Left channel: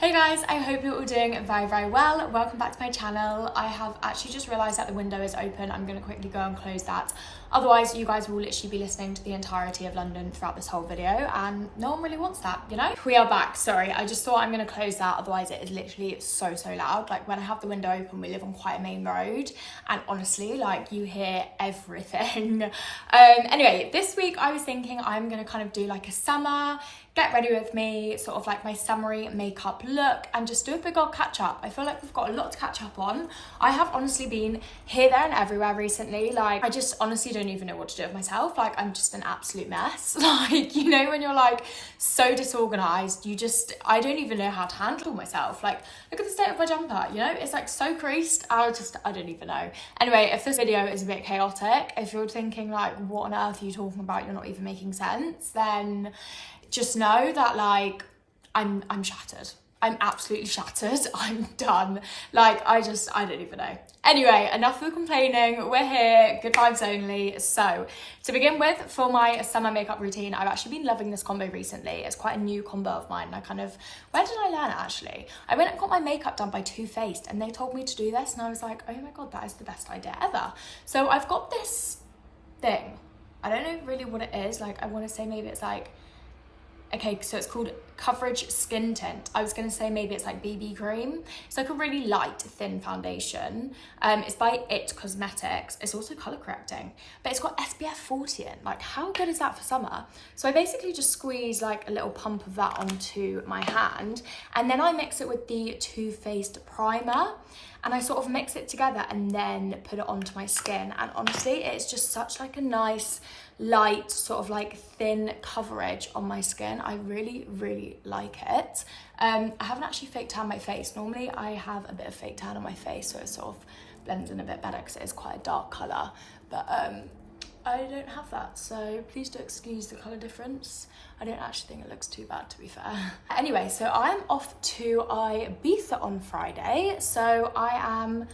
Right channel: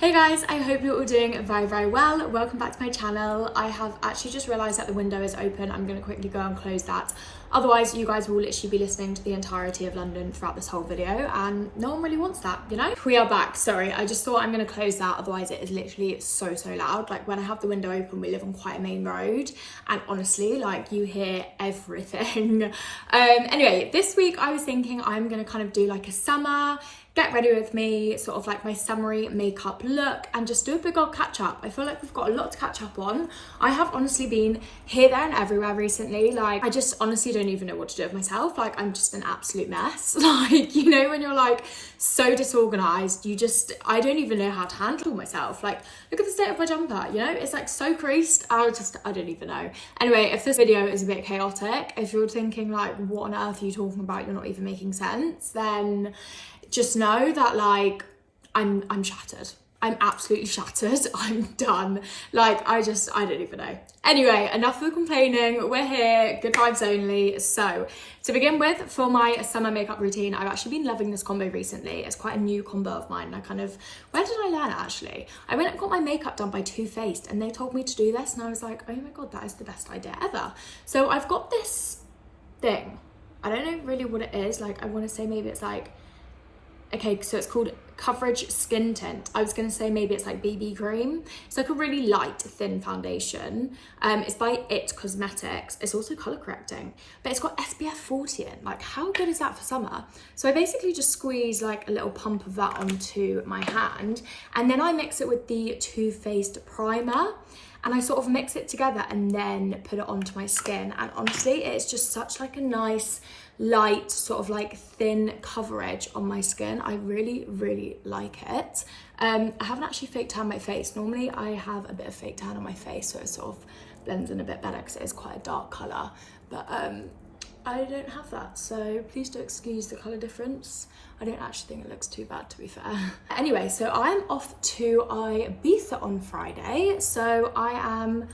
Hey guys, I hope you're all doing very well. Welcome back to my channel. I have actually just realised that the window is open. I'm going to quickly go and close that. Otherwise, you guys will literally be listening to the entirety of London throughout this whole video, and no one really wants that, you know? We are back. Sorry, I just thought I'm going to close that, otherwise it is literally so loud. Like when I have the window open, we live on quite a main road, and honestly, like you hear everything. Anyway, this week I was thinking I'm going to kind of do like a summer get ready with me, sort of like my summery makeup look, and just do a big old catch up. I feel like we've got a lot to catch up on. I have honestly been here, there and everywhere recently. Like I just honestly don't even know what to do with myself. Like I'm just an absolute mess. Like, you know, when you're like so disorganized, I don't even know how to handle myself. Like look at the state of my jumper, you know, it's like so creased. I don't even know. Anyway, if this video is a bit chaotic, if you're thinking like, what on earth are you talking about? You're not even making sense, then just know that like I'm shattered. I'm absolutely shattered. I'm done. Like I don't even know. Anyway, enough of the complaining. We're here, good vibes only. So to begin with, for my summer makeup routine, I've actually been loving this combo recently. It's quite a new combo of mine. Where did I learn it actually? I went and got my makeup done by Too Faced and they told me to do this and I was like, oh my God, that is the best idea ever. So I've got this thing. I don't know really what it is. Like I want to say maybe it's like, okay, so it's called Coverage Skin Tint. I was going to say maybe it's like BB cream. It's like a really light, thin foundation. It's by It Cosmetics. It's also colour correcting, but it's got SPF 40 in. Like, how good is that for summer? So I basically just squeeze like a little pump of that onto my hand, and then I mix it with the Too Faced primer, and I sort of mix it together and then put it onto my skin. And honestly, it's just such like a nice, light, sort of like thin coverage on my skin. I really like it. I haven't actually fake tanned my face. Normally I have a bit of fake tan on my face, so it sort of blends in a bit better because it is quite a dark colour, but I don't have that, so please don't excuse the colour difference. I don't actually think it looks too bad, to be fair. Anyway, so I'm off to Ibiza on Friday. So I'm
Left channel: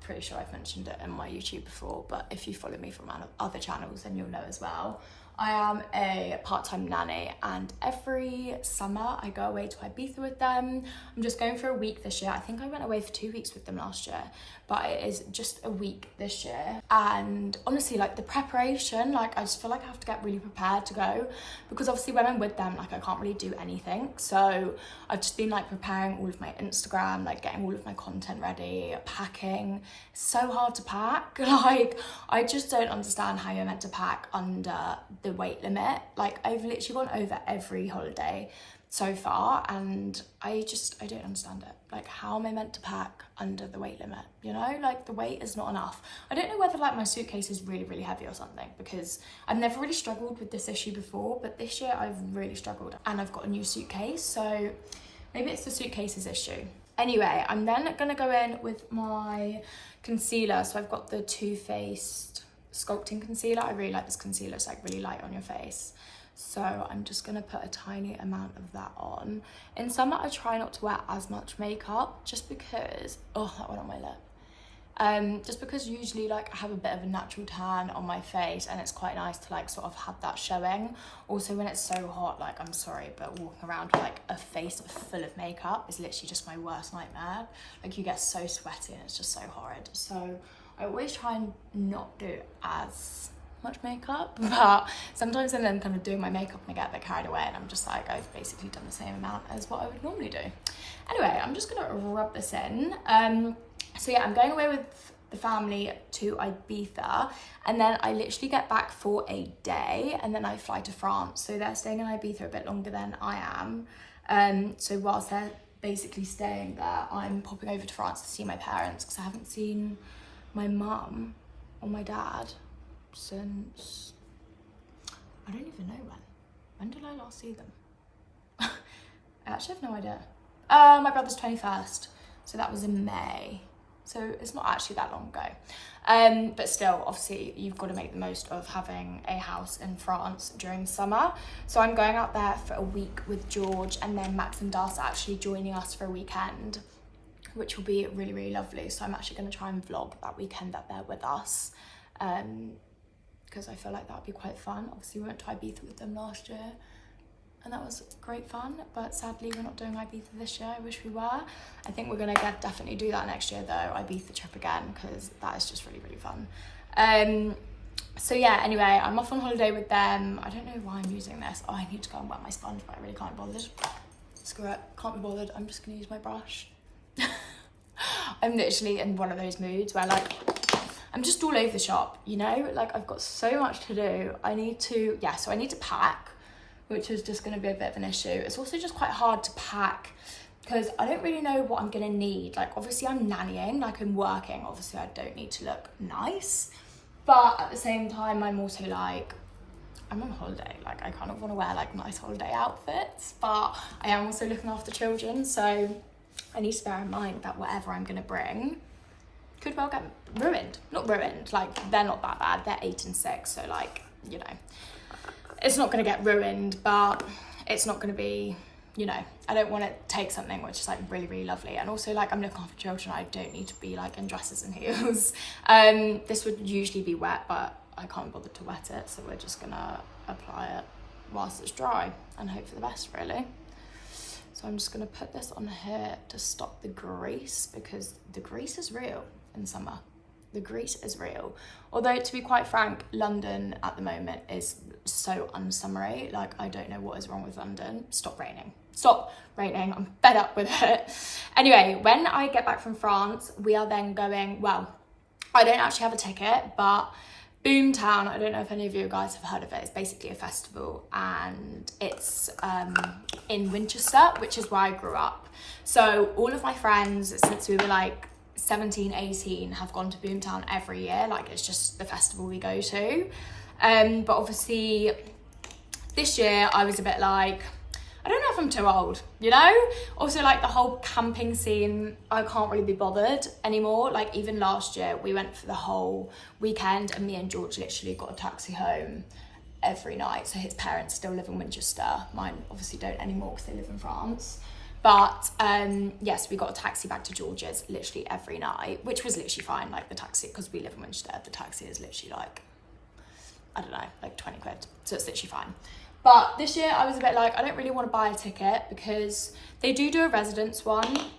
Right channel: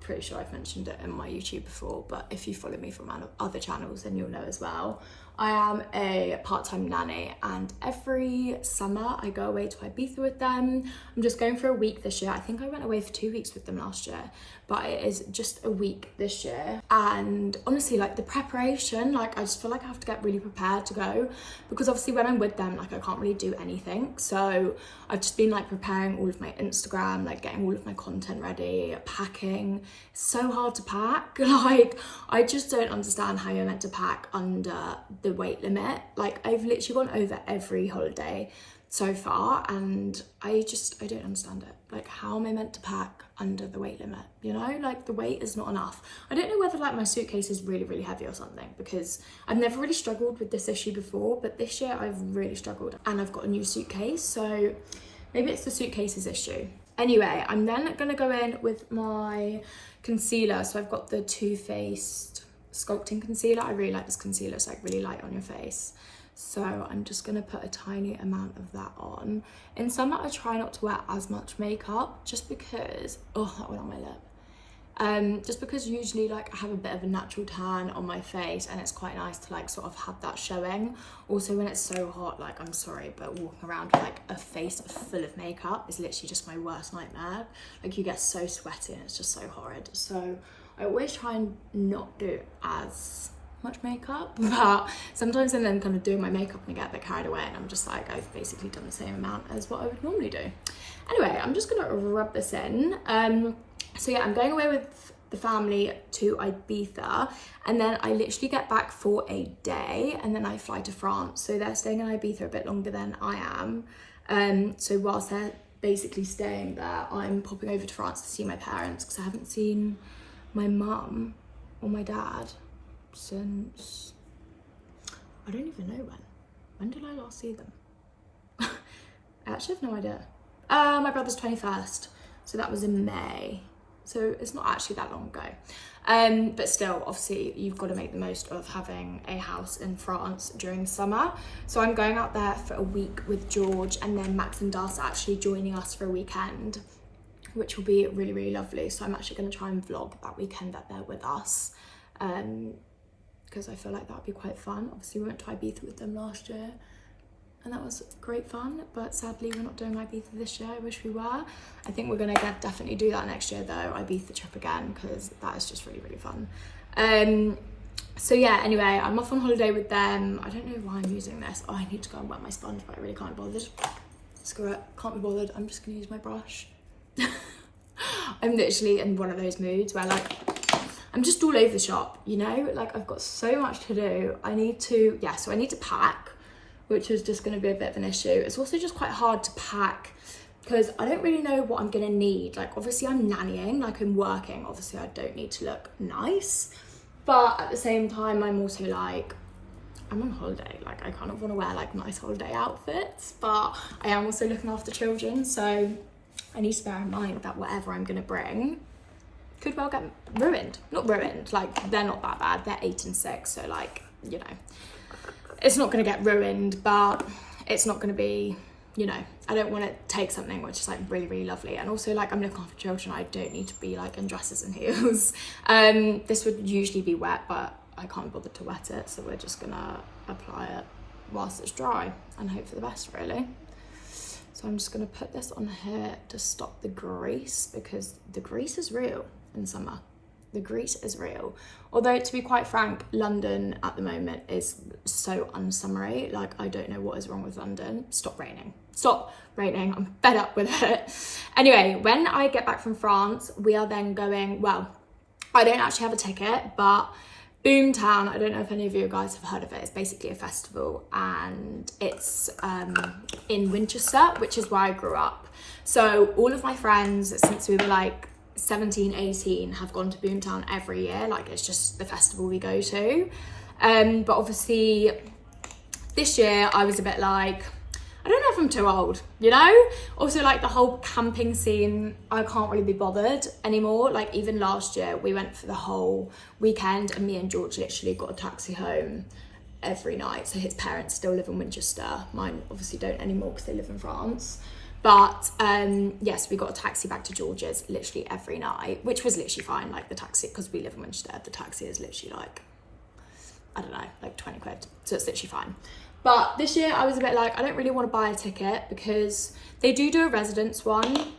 pretty sure I've mentioned it in my YouTube before, but if you follow me from other channels, then you'll know as well. I am a part-time nanny, and every summer I go away to Ibiza with them. I'm just going for a week this year. I think I went away for 2 weeks with them last year, but it is just a week this year. And honestly, like the preparation, like I just feel like I have to get really prepared to go, because obviously when I'm with them, like I can't really do anything. So I've just been like preparing all of my Instagram, like getting all of my content ready, packing. It's so hard to pack. Like I just don't understand how you're meant to pack under the weight limit. Like I've literally gone over every holiday so far and I don't understand it. Like how am I meant to pack under the weight limit? You know, like the weight is not enough. I don't know whether like my suitcase is really heavy or something, because I've never really struggled with this issue before, but this year I've really struggled, and I've got a new suitcase, so maybe it's the suitcase's issue. Anyway, I'm then gonna go in with my concealer. So I've got the Too Faced Sculpting Concealer. I really like this concealer. It's like really light on your face. So I'm just gonna put a tiny amount of that on. In summer, I try not to wear as much makeup just because, oh, that went on my lip. Just because usually like I have a bit of a natural tan on my face and it's quite nice to like sort of have that showing. Also when it's so hot, like I'm sorry, but walking around with like a face full of makeup is literally just my worst nightmare. Like you get so sweaty and it's just so horrid. So I always try and not do as much makeup, but sometimes I'm then kind of doing my makeup and I get a bit carried away and I'm just like, I've basically done the same amount as what I would normally do. Anyway, I'm just gonna rub this in. So yeah, I'm going away with the family to Ibiza, and then I literally get back for a day and then I fly to France. So they're staying in Ibiza a bit longer than I am. So whilst they're basically staying there, I'm popping over to France to see my parents, because I haven't seen my mum or my dad since, I don't even know when did I last see them? I actually have no idea. My brother's 21st, so that was in May, so it's not actually that long ago. But still, obviously you've got to make the most of having a house in France during summer. So I'm going out there for a week with George, and then Max and Das are actually joining us for a weekend, which will be really lovely. So I'm actually going to try and vlog that weekend that they're with us, because I feel like that would be quite fun. Obviously we went to Ibiza with them last year and that was great fun, but sadly we're not doing Ibiza this year. I wish we were. I think we're gonna definitely do that next year though, Ibiza trip again, because that is just really, really fun. So yeah, anyway, I'm off on holiday with them. I don't know why I'm using this. Oh, I need to go and wet my sponge, but I really can't be bothered. Screw it, can't be bothered. I'm just gonna use my brush. I'm literally in one of those moods where like, I'm just all over the shop, you know? Like I've got so much to do. I need to pack, which is just gonna be a bit of an issue. It's also just quite hard to pack because I don't really know what I'm gonna need. Like obviously I'm nannying, like I'm working. Obviously I don't need to look nice, but at the same time, I'm also like, I'm on holiday. Like I kind of wanna wear like nice holiday outfits, but I am also looking after children. So I need to bear in mind that whatever I'm gonna bring could well get ruined. Not ruined, like they're not that bad. They're 8 and 6, so like, you know, it's not gonna get ruined, but it's not gonna be, you know, I don't want to take something which is like really, really lovely. And also like I'm looking after children, I don't need to be like in dresses and heels. This would usually be wet, but I can't bother to wet it, so we're just gonna apply it whilst it's dry and hope for the best, really. So I'm just gonna put this on here to stop the grease, because the grease is real in summer. The grease is real. Although to be quite frank, London at the moment is so unsummery. Like I don't know what is wrong with London. Stop raining. Stop raining. I'm fed up with it. Anyway, when I get back from France, we are then going, well, I don't actually have a ticket, but Boomtown, I don't know if any of you guys have heard of it. It's basically a festival, and it's in Winchester, which is where I grew up. So all of my friends, since we were like 17, 18, have gone to Boomtown every year. Like it's just the festival we go to. But obviously this year I was a bit like, I don't know if I'm too old, you know? Also like the whole camping scene, I can't really be bothered anymore. Like even last year we went for the whole weekend and me and George literally got a taxi home every night. So his parents still live in Winchester. Mine obviously don't anymore because they live in France. But yes, we got a taxi back to George's literally every night, which was literally fine. Like the taxi, because we live in Winchester, the taxi is literally like, I don't know, like 20 quid. So it's literally fine. But this year I was a bit like, I don't really want to buy a ticket because they do a residence one.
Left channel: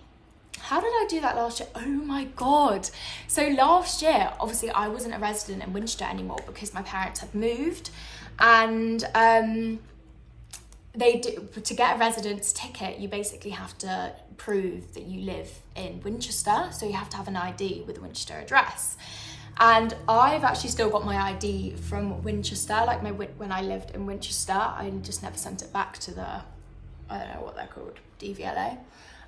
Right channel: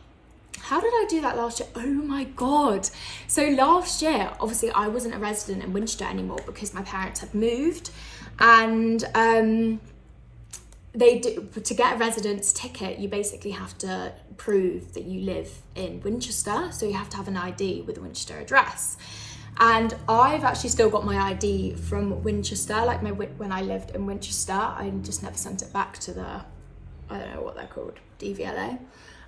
How did I do that last year? Oh my God. So last year, obviously I wasn't a resident in Winchester anymore because my parents had moved, and they do, to get a residence ticket, you basically have to prove that you live in Winchester. So you have to have an ID with a Winchester address. And I've actually still got my ID from Winchester, like when I lived in Winchester. I just never sent it back to the, I don't know what they're called, DVLA.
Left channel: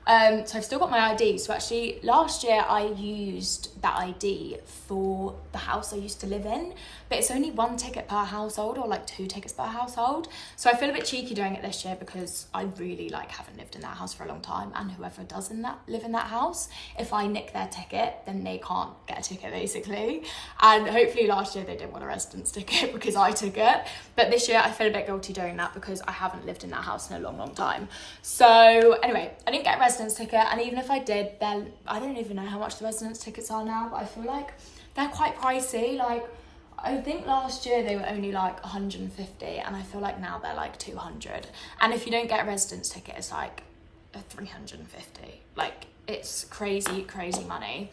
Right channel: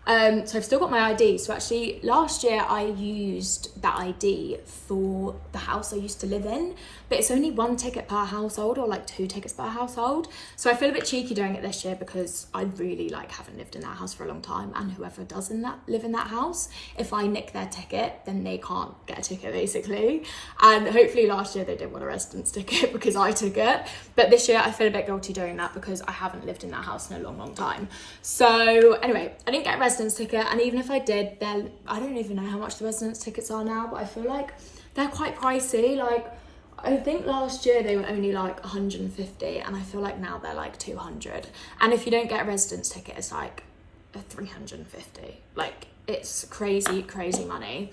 So I've still got my ID. So actually last year I used that ID for the house I used to live in, but it's only 1 ticket per household, or like 2 tickets per household. So I feel a bit cheeky doing it this year because I really like haven't lived in that house for a long time, and whoever does live in that house, if I nick their ticket, then they can't get a ticket basically. And hopefully last year they didn't want a residence ticket because I took it. But this year I feel a bit guilty doing that because I haven't lived in that house in a long, long time. So anyway, I didn't get a residence ticket, and even if I did, then I don't even know how much the residence tickets are now, but I feel like they're quite pricey. Like I think last year they were only like 150, and I feel like now they're like 200. And if you don't get a residence ticket, it's like 350. Like it's crazy, crazy money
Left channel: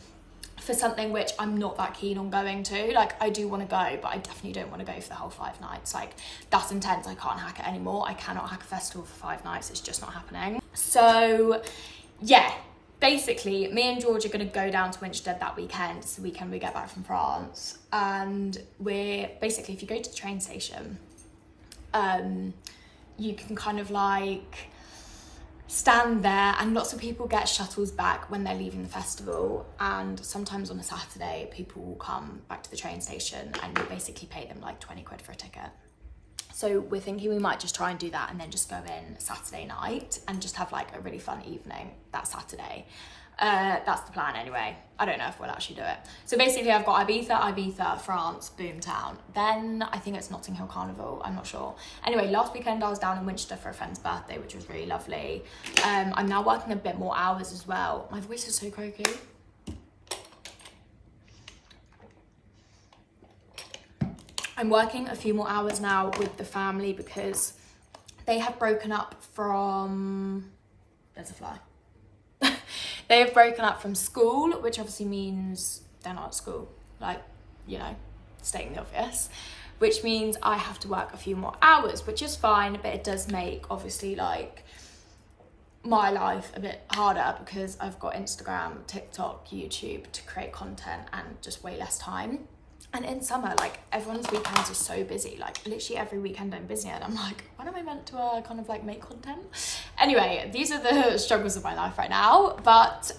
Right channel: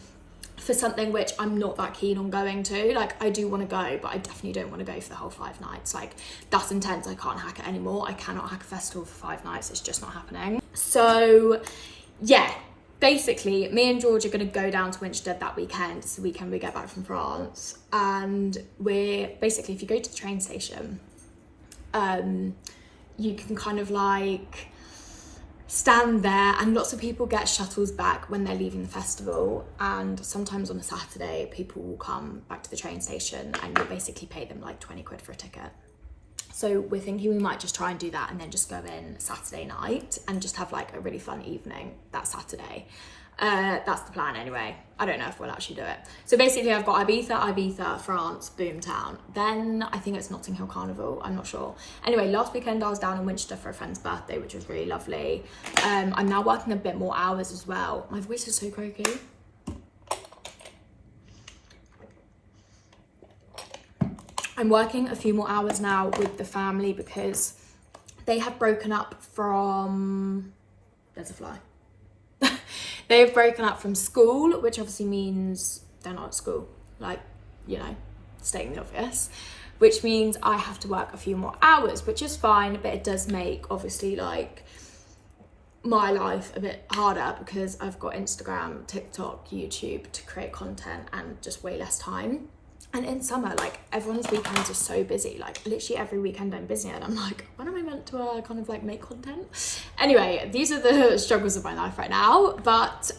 for something which I'm not that keen on going to. Like I do want to go, but I definitely don't want to go for the whole 5 nights. Like that's intense. I can't hack it anymore. I cannot hack a festival for 5 nights. It's just not happening. So yeah, basically me and George are going to go down to Winchester that weekend. It's the weekend we get back from France, and we're basically, if you go to the train station, you can kind of like stand there, and lots of people get shuttles back when they're leaving the festival, and sometimes on a Saturday people will come back to the train station and you basically pay them like 20 quid for a ticket. So we're thinking we might just try and do that and then just go in Saturday night and just have like a really fun evening that Saturday. That's the plan anyway. I don't know if we'll actually do it. So basically I've got Ibiza, France, Boomtown. Then I think it's Notting Hill Carnival, I'm not sure. Anyway, last weekend I was down in Winchester for a friend's birthday, which was really lovely. I'm now working a bit more hours as well. My voice is so croaky. I'm working a few more hours now with the family because They have broken up from, there's a fly. They have broken up from school, which obviously means they're not at school, like, you know, stating the obvious, which means I have to work a few more hours, which is fine, but it does make, obviously, like, my life a bit harder because I've got Instagram, TikTok, YouTube to create content and just way less time. And in summer, like, everyone's weekends are so busy, like literally every weekend I'm busy, and I'm like, when am I meant to kind of like make content? Anyway, these are the struggles of my life right now. But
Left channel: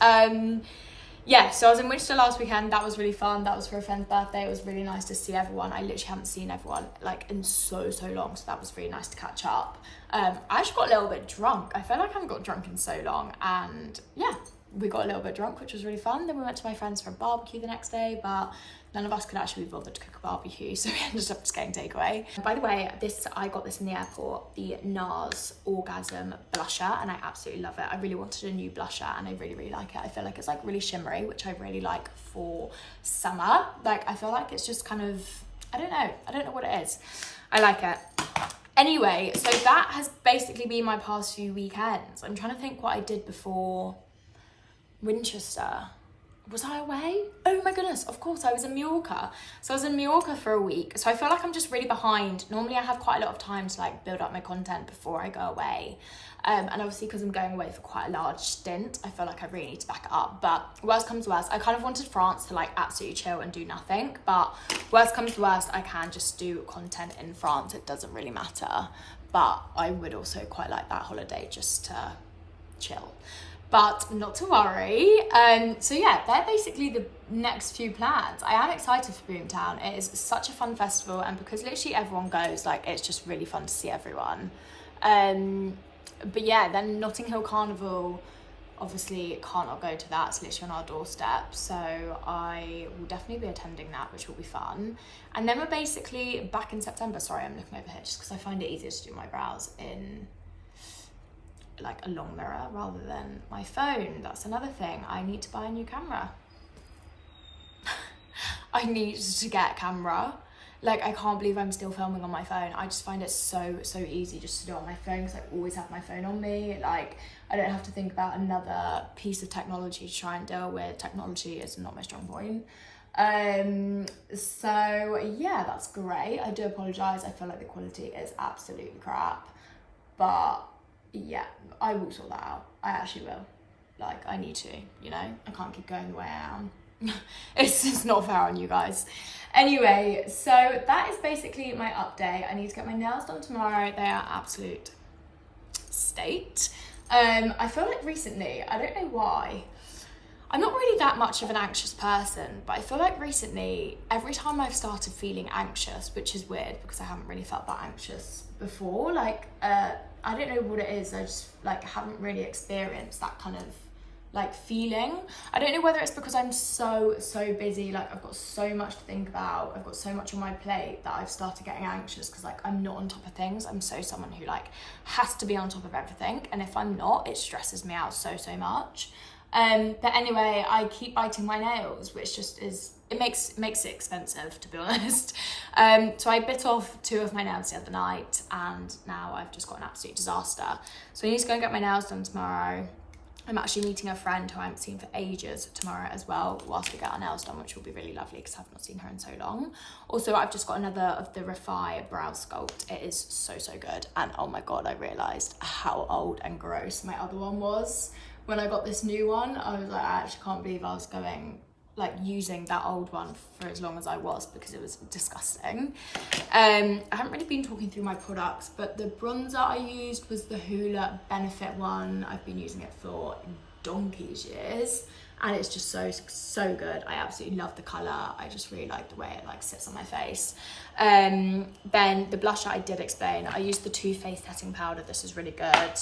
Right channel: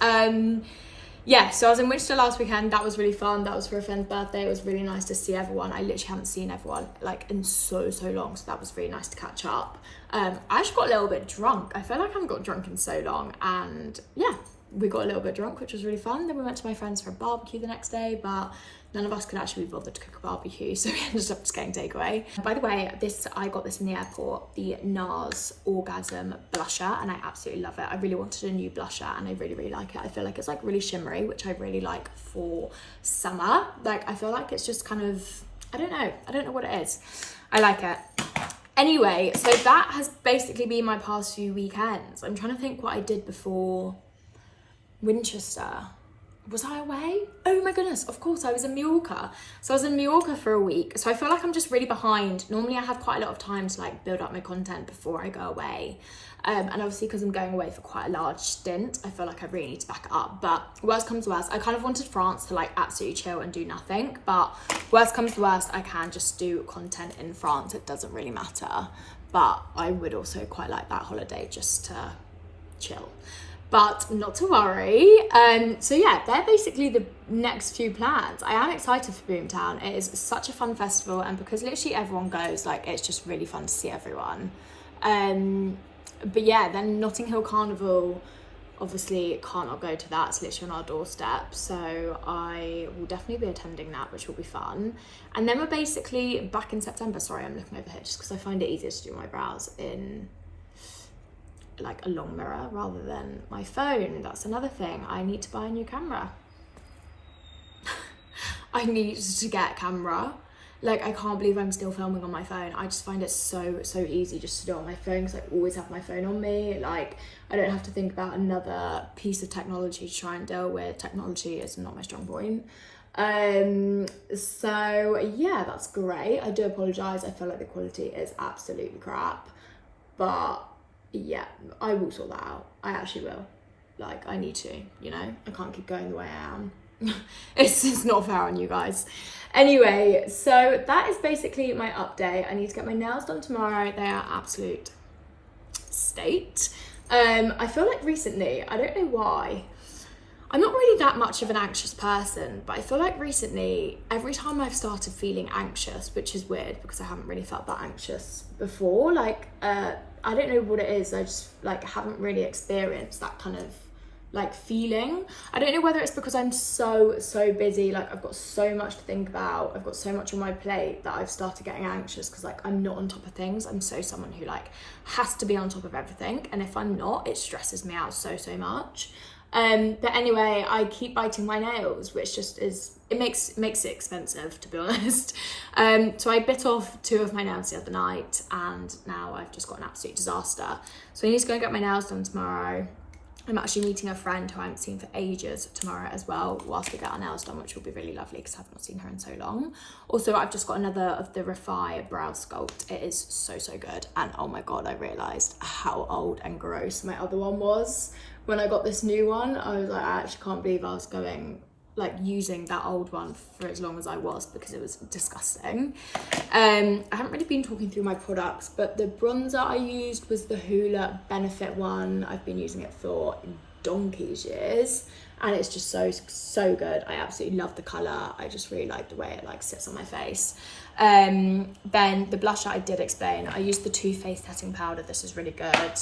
yeah, so I was in Winchester last weekend. That was really fun. That was for a friend's birthday. It was really nice to see everyone. I literally haven't seen everyone like in so long, so that was really nice to catch up. I actually got a little bit drunk. I feel like I haven't got drunk in so long, and yeah, we got a little bit drunk, which was really fun. Then we went to my friends for a barbecue the next day, but none of us could actually be bothered to cook a barbecue, so we ended up just getting takeaway. By the way, I got this in the airport, the NARS Orgasm blusher, and I absolutely love it. I really wanted a new blusher, and I really like it. I feel like it's like really shimmery, which I really like for summer. Like, I feel like it's just kind of, I don't know what it is. I like it. Anyway, so that has basically been my past few weekends. I'm trying to think what I did before Winchester. Was I away? Oh my goodness, of course, I was in Mallorca. So I was in Mallorca for a week. So I feel like I'm just really behind. Normally I have quite a lot of time to like build up my content before I go away. And obviously because I'm going away for quite a large stint, I feel like I really need to back it up. But worst comes to worst, I kind of wanted France to like absolutely chill and do nothing. But worst comes to worst, I can just do content in France. It doesn't really matter. But I would also quite like that holiday just to chill. But not to worry. So yeah, they're basically the next few plans. I am excited for Boomtown. It is such a fun festival, and because literally everyone goes, like, it's just really fun to see everyone. But yeah, then Notting Hill Carnival, obviously can't not go to that. It's literally on our doorstep, so I will definitely be attending that, which will be fun. And then we're basically back in September. Sorry, I'm looking over here just because I find it easier to do my brows in like a long mirror rather than my phone. That's another thing. I need to buy a new camera. I need to get a camera. Like, I can't believe I'm still filming on my phone. I just find it so easy just to do it on my phone because I always have my phone on me. Like, I don't have to think about another piece of technology to try and deal with. Technology is not my strong point. So yeah, that's great. I do apologize. I feel like the quality is absolutely crap, but yeah, I will sort that out. I actually will. Like, I need to, you know? I can't keep going the way I am. It's not fair on you guys. Anyway, so that is basically my update. I need to get my nails done tomorrow. They are absolute state. I feel like recently, I don't know why, I'm not really that much of an anxious person, but I feel like recently, every time I've started feeling anxious, which is weird because I haven't really felt that anxious before, like, I don't know what it is. I just like haven't really experienced that kind of like feeling. I don't know whether it's because I'm so busy, like I've got so much to think about, I've got so much on my plate that I've started getting anxious because like I'm not on top of things. I'm someone who like has to be on top of everything, and if I'm not, it stresses me out so much. But anyway, I keep biting my nails, which just is, it makes it expensive, to be honest. So I bit off 2 of my nails the other night, and now I've just got an absolute disaster. So I need to go and get my nails done tomorrow. I'm actually meeting a friend who I haven't seen for ages tomorrow as well, whilst we get our nails done, which will be really lovely because I've not seen her in so long. Also, I've just got another of the Refi Brow Sculpt. It is so good. And oh my God, I realised how old and gross my other one was. When I got this new one, I was like, I actually can't believe I was using that old one for as long as I was, because it was disgusting. I haven't really been talking through my products, but the bronzer I used was the Hoola Benefit one. I've been using it for donkey's years, and it's just so good. I absolutely love the colour. I just really like the way it like sits on my face. Then the blusher, I did explain. I used the Too Faced setting powder. This is really good.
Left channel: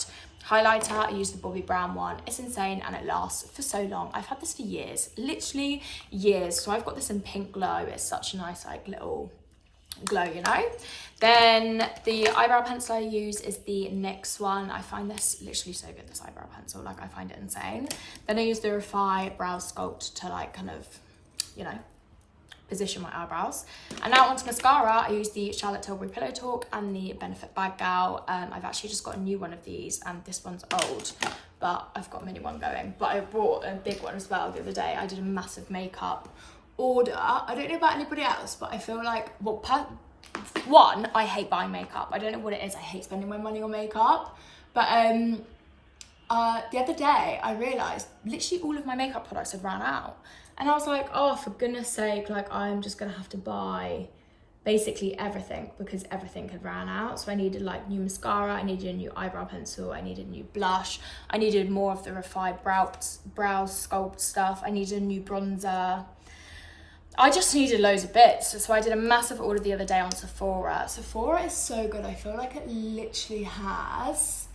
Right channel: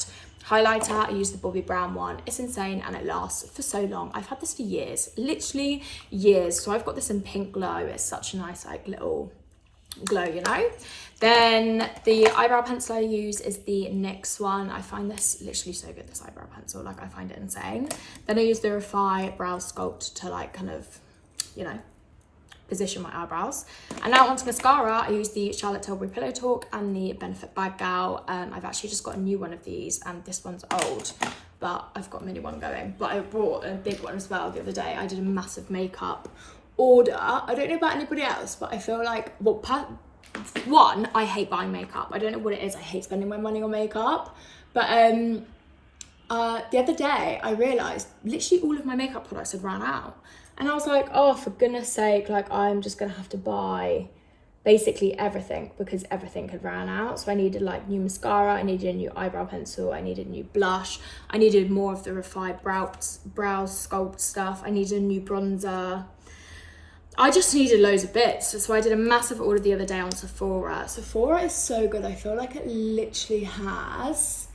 Highlighter, I use the Bobbi Brown one. It's insane and it lasts for so long. I've had this for years, literally years. So I've got this in Pink Glow. It's such a nice like little glow, you know. Then the eyebrow pencil I use is the NYX one. I find this literally so good, this eyebrow pencil. Like, I find it insane. Then I use the Refi Brow Sculpt to like kind of, you know, position my eyebrows. And now onto mascara. I use the Charlotte Tilbury Pillow Talk and the Benefit Bag Gal. I've actually just got a new one of these, and this one's old, but I've got a mini one going. But I bought a big one as well the other day. I did a massive makeup order. I don't know about anybody else, but I feel like, well, one, I hate buying makeup. I don't know what it is. I hate spending my money on makeup. But the other day I realised literally all of my makeup products had ran out. And I was like, oh, for goodness sake, like I'm just gonna have to buy basically everything because everything had ran out. So I needed like new mascara, I needed a new eyebrow pencil, I needed a new blush, I needed more of the refined brow sculpt stuff, I needed a new bronzer. I just needed loads of bits. So I did a massive order the other day on Sephora. Sephora is so good. I feel like it literally has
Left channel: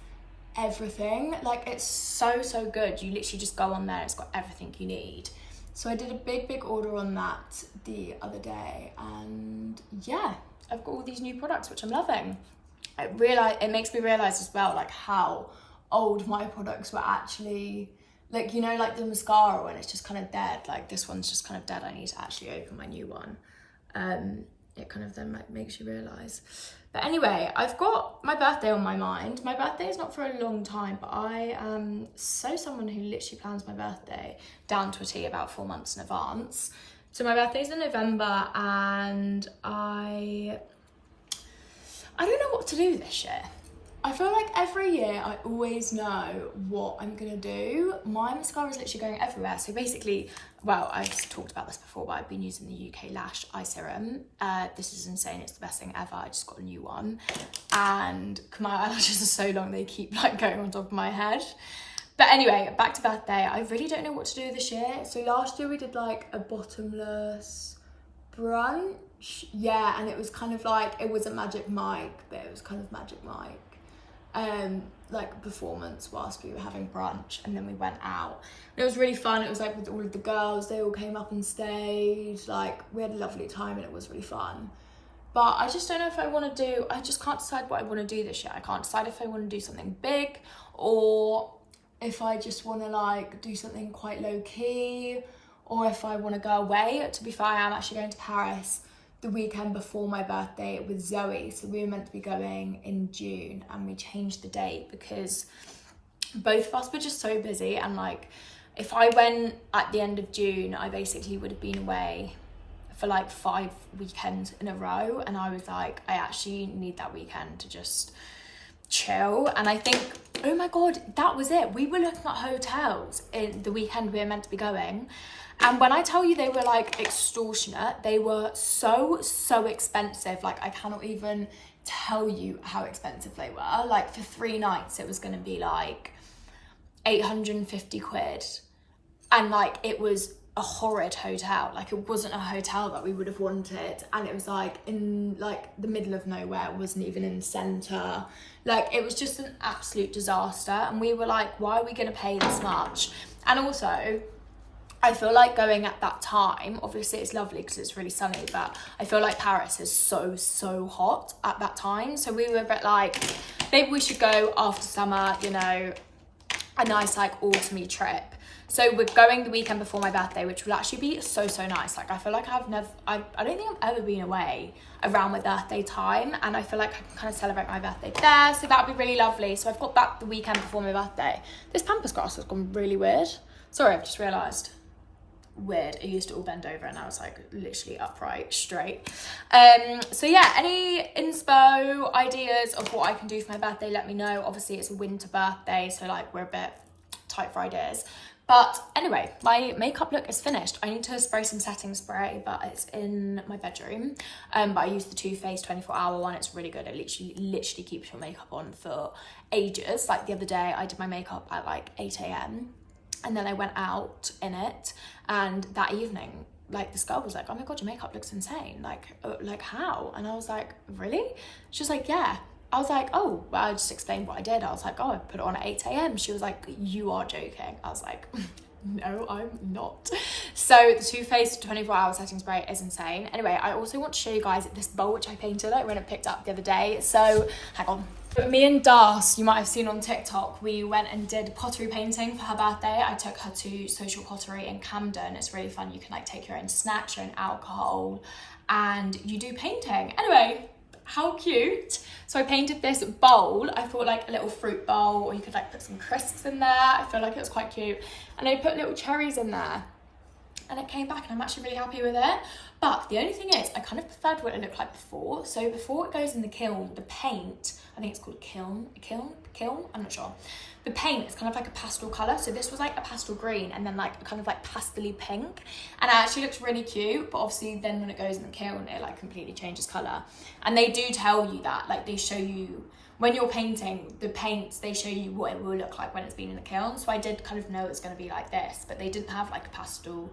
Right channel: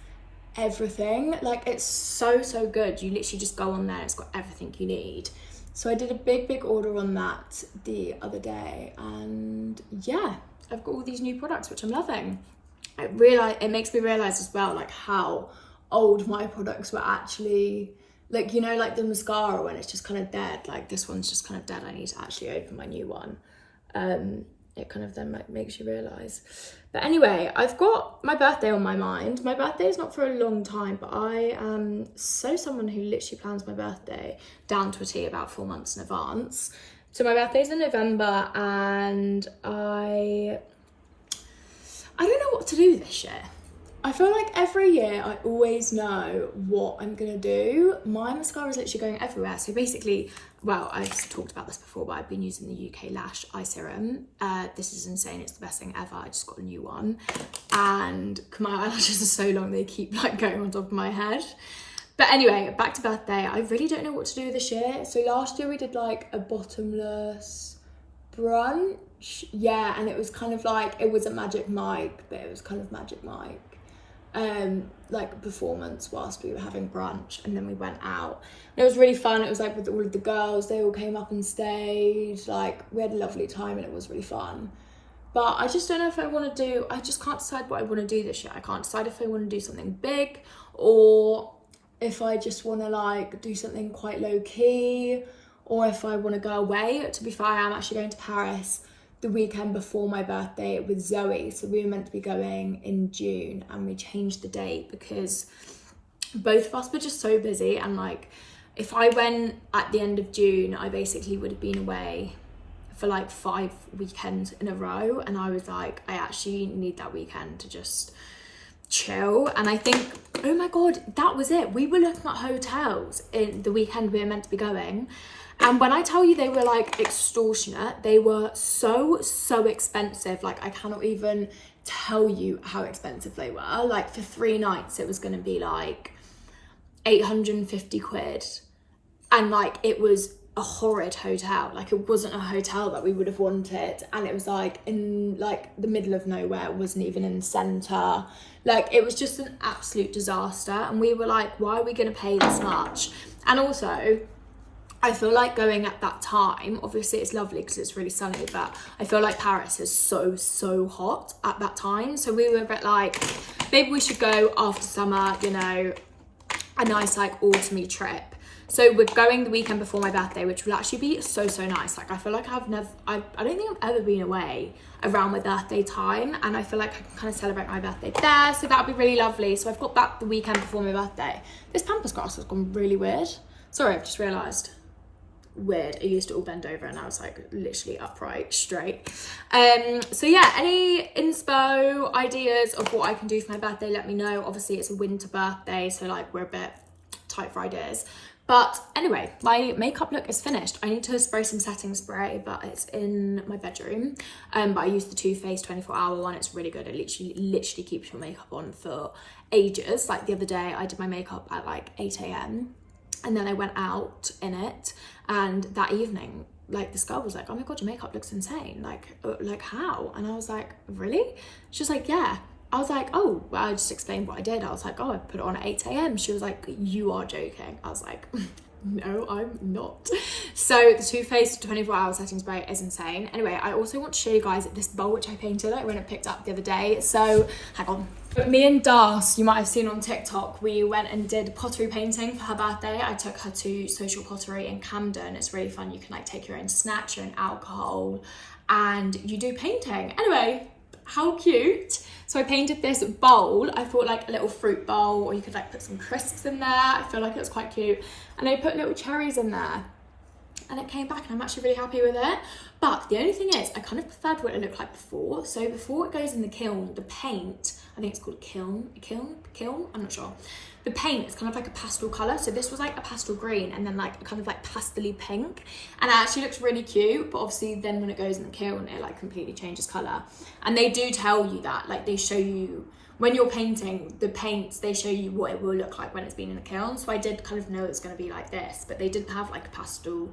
everything. Like it's so good. You literally just go on there, it's got everything you need. So I did a big order on that the other day, and yeah, I've got all these new products which I'm loving. It makes me realise as well like how old my products were actually. Like, you know, like the mascara when it's just kind of dead, like this one's just kind of dead. I need to actually open my new one. It kind of then like makes you realise. But anyway, I've got my birthday on my mind. My birthday is not for a long time, but I am someone who literally plans my birthday down to a T about 4 months in advance. So my birthday's in November, and I don't know what to do this year. I feel like every year I always know what I'm gonna do. My mascara is literally going everywhere. So basically, well, I've talked about this before, but I've been using the UK Lash Eye Serum. This is insane, it's the best thing ever. I just got a new one. And my eyelashes are so long, they keep like going on top of my head. But anyway, back to birthday. I really don't know what to do this year. So last year we did like a bottomless brunch. Yeah, and it was kind of like, it was a Magic Mike, but it was kind of Magic Mike. Like performance whilst we were having brunch, and then we went out and it was really fun. It was like with all of the girls, they all came up and stayed, like we had a lovely time and it was really fun. But I just don't know if I just can't decide what I want to do this year. I can't decide if I want to do something big or if I just want to like do something quite low key, or if I want to go away. To be fair, I am actually going to Paris the weekend before my birthday with Zoe. So we were meant to be going in June, and we changed the date because both of us were just so busy. And like, if I went at the end of June, I basically would have been away for like 5 weekends in a row. And I was like, I actually need that weekend to just chill. And I think, oh my God, that was it. We were looking at hotels in the weekend we were meant to be going. And when I tell you they were like extortionate, they were so expensive. Like I cannot even tell you how expensive they were. Like for 3 nights, it was going to be like 850 quid. And like, it was a horrid hotel. Like it wasn't a hotel that we would have wanted. And it was like in like the middle of nowhere. It wasn't even in the center. Like it was just an absolute disaster. And we were like, why are we going to pay this much? And also, I feel like going at that time, obviously it's lovely because it's really sunny, but I feel like Paris is so hot at that time. So we were a bit like, maybe we should go after summer, you know, a nice like autumny trip. So we're going the weekend before my birthday, which will actually be so nice. Like I feel like I don't think I've ever been away around my birthday time, and I feel like I can kind of celebrate my birthday there. So that'll be really lovely. So I've got back the weekend before my birthday. This pampas grass has gone really weird. Sorry, I've just realised. Weird. It used to all bend over and I was like literally upright straight. So yeah, any inspo ideas of what I can do for my birthday, let me know. Obviously it's a winter birthday, so like we're a bit tight for ideas. But anyway, my makeup look is finished. I need to spray some setting spray, but it's in my bedroom. But I use the Too Faced 24-hour one. It's really good. It literally keeps your makeup on for ages. Like the other day I did my makeup at like 8 a.m. and then I went out in it, and that evening, like this girl was like, oh my God, your makeup looks insane. Like how? And I was like, really? She was like, yeah. I was like, oh, well, I just explained what I did. I was like, oh, I put it on at 8 a.m. She was like, you are joking. I was like, No, I'm not. So the Too Faced 24-hour setting spray is insane. Anyway, I also want to show you guys this bowl which I painted. I went and picked up the other day. So hang on. Me and Das, you might have seen on TikTok, we went and did pottery painting for her birthday. I took her to Social Pottery in Camden. It's really fun. You can like take your own snacks, your own alcohol, and you do painting. Anyway, how cute. So I painted this bowl. I thought like a little fruit bowl, or you could like put some crisps in there. I feel like it was quite cute. And I put little cherries in there. And it came back and I'm actually really happy with it. But the only thing is, I kind of preferred what it looked like before. So before it goes in the kiln, the paint, I think it's called kiln, I'm not sure. The paint is kind of like a pastel colour. So this was like a pastel green and then like a kind of like pastely pink. And it actually looks really cute, but obviously then when it goes in the kiln, it like completely changes colour. And they do tell you that, like they show you, when you're painting the paints, they show you what it will look like when it's been in the kiln. So I did kind of know it's going to be like this, but they didn't have like a pastel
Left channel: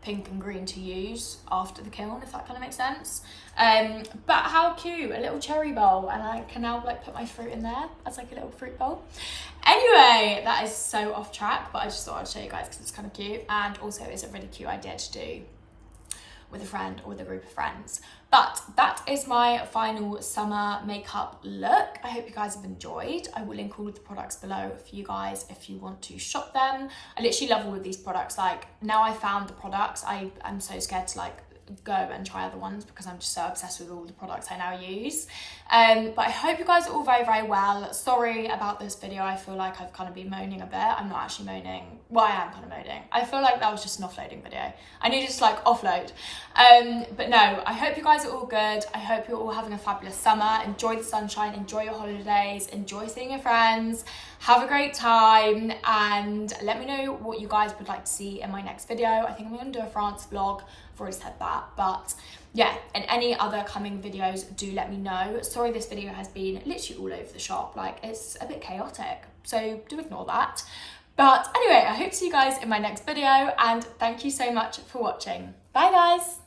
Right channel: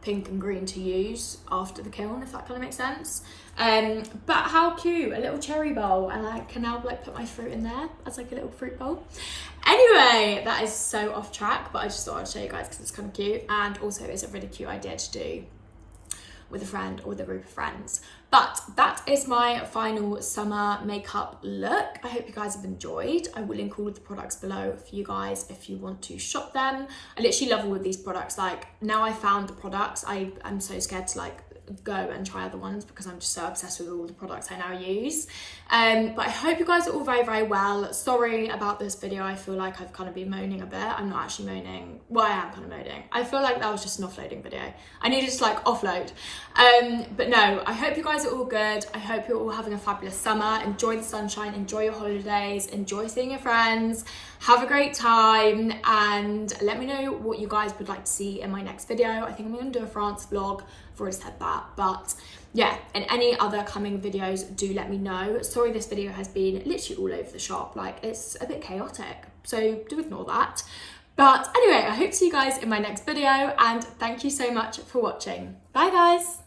pink and green to use after the kiln, if that kind of makes sense. But how cute, a little cherry bowl, and I can now like put my fruit in there as like a little fruit bowl. Anyway, that is so off track, but I just thought I'd show you guys because it's kind of cute, and also it's a really cute idea to do with a friend or with a group of friends. But that is my final summer makeup look. I hope you guys have enjoyed. I will link all of the products below for you guys if you want to shop them. I literally love all of these products. Like now I found the products, I'm so scared to like go and try other ones because I'm just so obsessed with all the products I now use. But I hope you guys are all very, very well. Sorry about this video. I feel like I've kind of been moaning a bit. I'm not actually moaning. Well, I am kind of moaning. I feel like that was just an offloading video. I needed to like offload. But no, I hope you guys are all good. I hope you're all having a fabulous summer. Enjoy the sunshine, enjoy your holidays, enjoy seeing your friends. Have a great time, and let me know what you guys would like to see in my next video. I think I'm going to do a France vlog. I've already said that, but yeah, and any other coming videos, do let me know. Sorry this video has been literally all over the shop, like it's a bit chaotic, so do ignore that. But anyway, I hope to see you guys in my next video, and thank you so much for watching. Bye guys.